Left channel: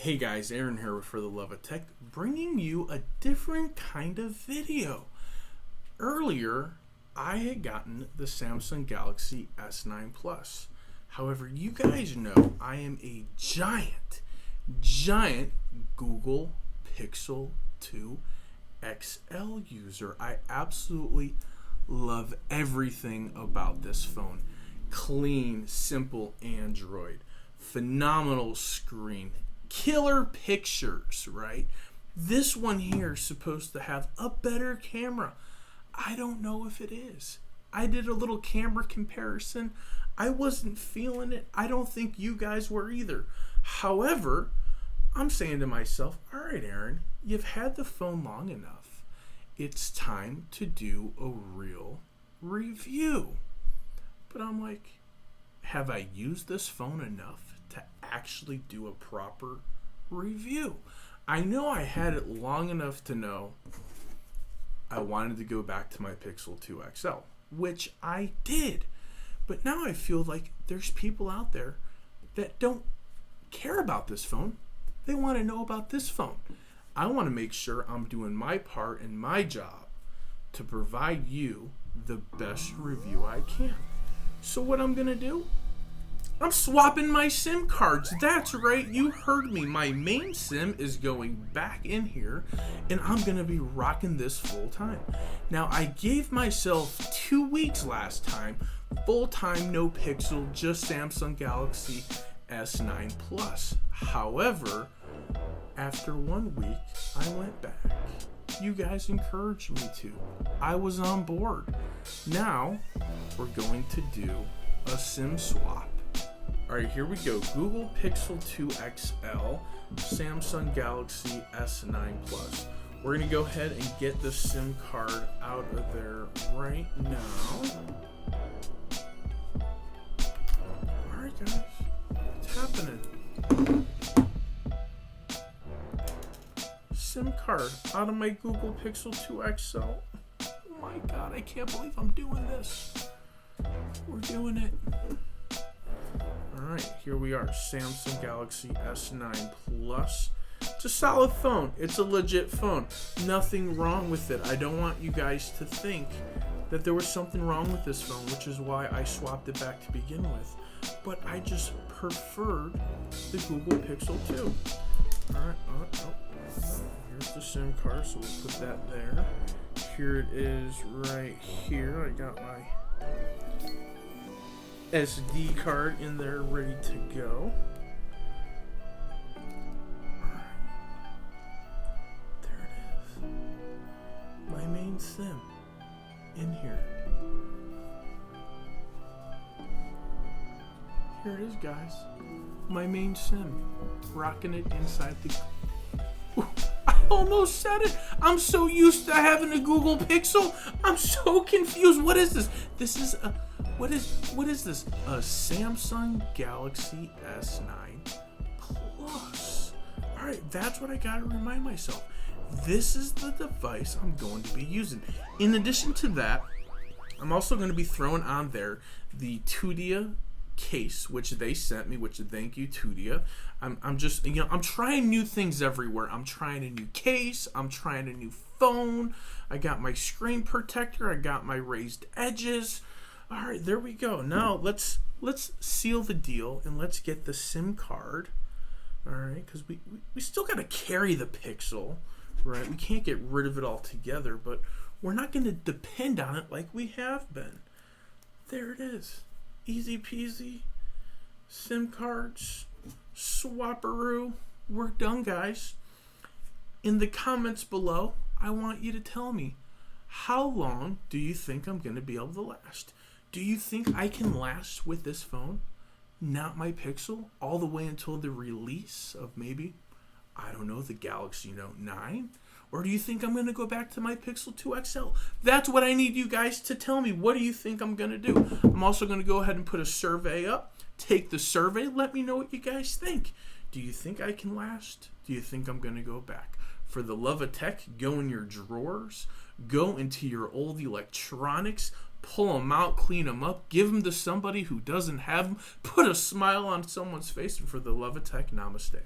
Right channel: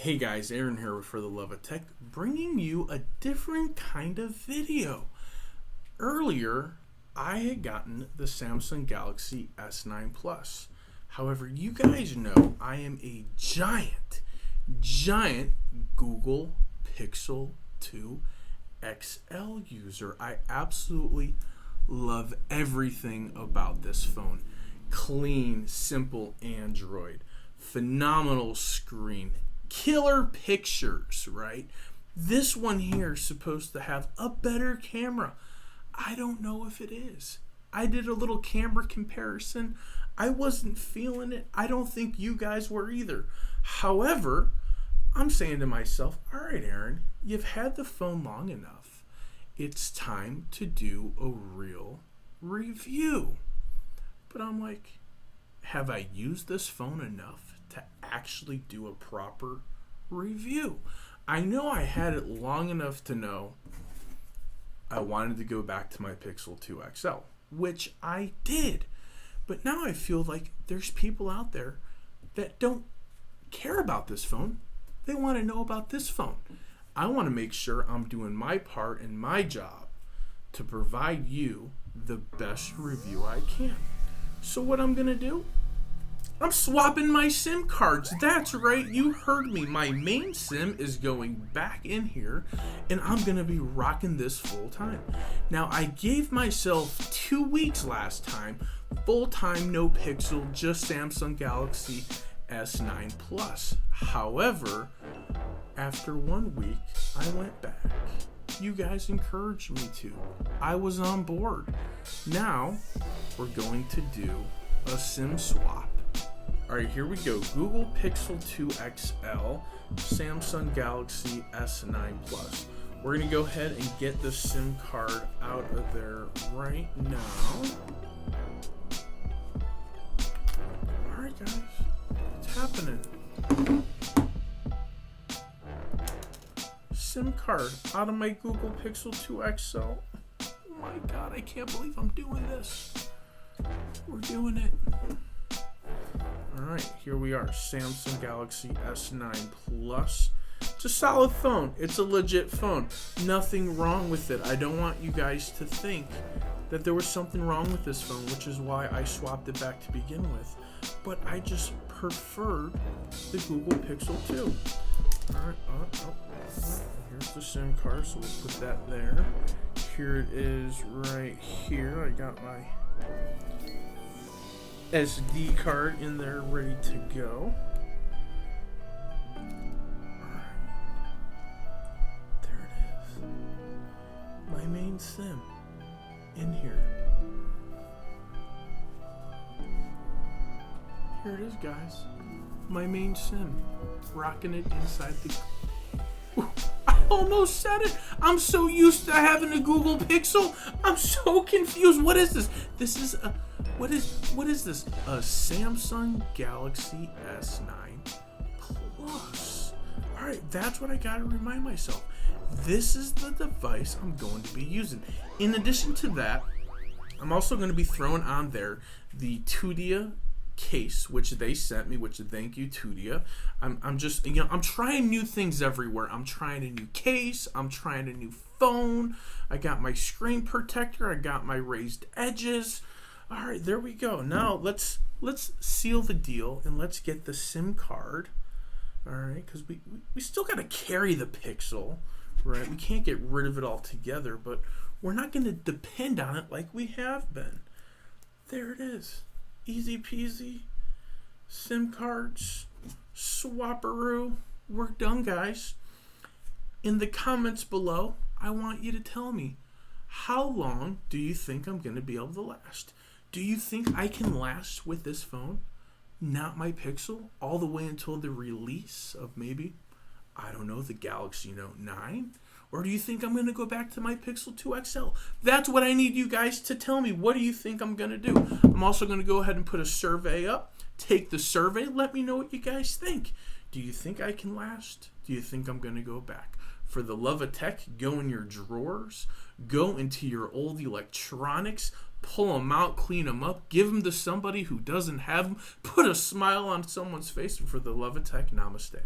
Hey guys, Aaron here with For the Love of Tech, bringing you a different kind of video. Earlier, I had gotten the Samsung Galaxy S9 Plus. However, you guys know I am a giant Google Pixel 2 XL user. I absolutely love everything about this phone. Clean, simple Android, phenomenal screen, killer pictures, right? This one here is supposed to have a better camera. I don't know if it is. I did a little camera comparison. I wasn't feeling it. I don't think you guys were either. However, I'm saying to myself, all right, Aaron, you've had the phone long enough. It's time to do a real review. But I'm like, have I used this phone enough to actually do a proper review? I know I had it long enough to know I wanted to go back to my Pixel 2 XL, which I did. But now I feel like there's people out there that don't care about this phone. They want to know about this phone. I want to make sure I'm doing my part and my job to provide you the best review I can. So what I'm going to do, I'm swapping my SIM cards. That's right, you heard me. My main SIM is going back in here, and I'm going to be rocking this full time. Now, I gave myself 2 weeks last time, full time, no Pixel, just Samsung Galaxy S9 Plus. However, after 1 week, I went back. You guys encouraged me to. I was on board. Now, we're going to do a SIM swap. Alright, here we go. Google Pixel 2 XL, Samsung Galaxy S9 Plus. We're going to go ahead and get the SIM card out of there right now. Alright guys, what's happening? SIM card out of my Google Pixel 2 XL. Oh my god, I can't believe I'm doing this. We're doing it. Alright, here we are. Samsung Galaxy S9 Plus. It's a solid phone. It's a legit phone. Nothing wrong with it. I don't want you guys to think that there was something wrong with this phone, which is why I swapped it back to begin with. But I just preferred the Google Pixel 2. Alright, here's the SIM card, so we'll put that there. Here it is right here. I got my SD card in there ready to go. Alright. There it is. My main SIM in here. Here it is, guys. My main SIM. Rocking it inside the... I almost said it. I'm so used to having a Google Pixel. I'm so confused. What is this? This is a... What is this? A Samsung Galaxy S9 Plus. Alright, that's what I gotta remind myself. This is the device I'm going to be using. In addition to that, I'm also going to be throwing on there the Tudia case, which they sent me, which thank you, Tudia. I'm just, I'm trying new things everywhere. I'm trying a new case. I'm trying a new phone. I got my screen protector. I got my raised edges. All right, there we go. Now let's seal the deal and let's get the SIM card. All right, because we still got to carry the Pixel, right? We can't get rid of it altogether, but we're not going to depend on it like we have been. There it is. Easy peasy. SIM cards. Swapperoo. We're done, guys. In the comments below, I want you to tell me, how long do you think I'm going to be able to last? Do you think I can last with this phone, not my Pixel, all the way until the release of maybe, I don't know, the Galaxy Note 9? Or do you think I'm going to go back to my Pixel 2 XL? That's what I need you guys to tell me. What do you think I'm going to do? I'm also going to go ahead and put a survey up. Take the survey. Let me know what you guys think. Do you think I can last? Do you think I'm going to go back? For the love of tech, go in your drawers. Go into your old electronics. Pull them out, clean them up, give them to somebody who doesn't have them, put a smile on someone's face, and for the love of tech, namaste.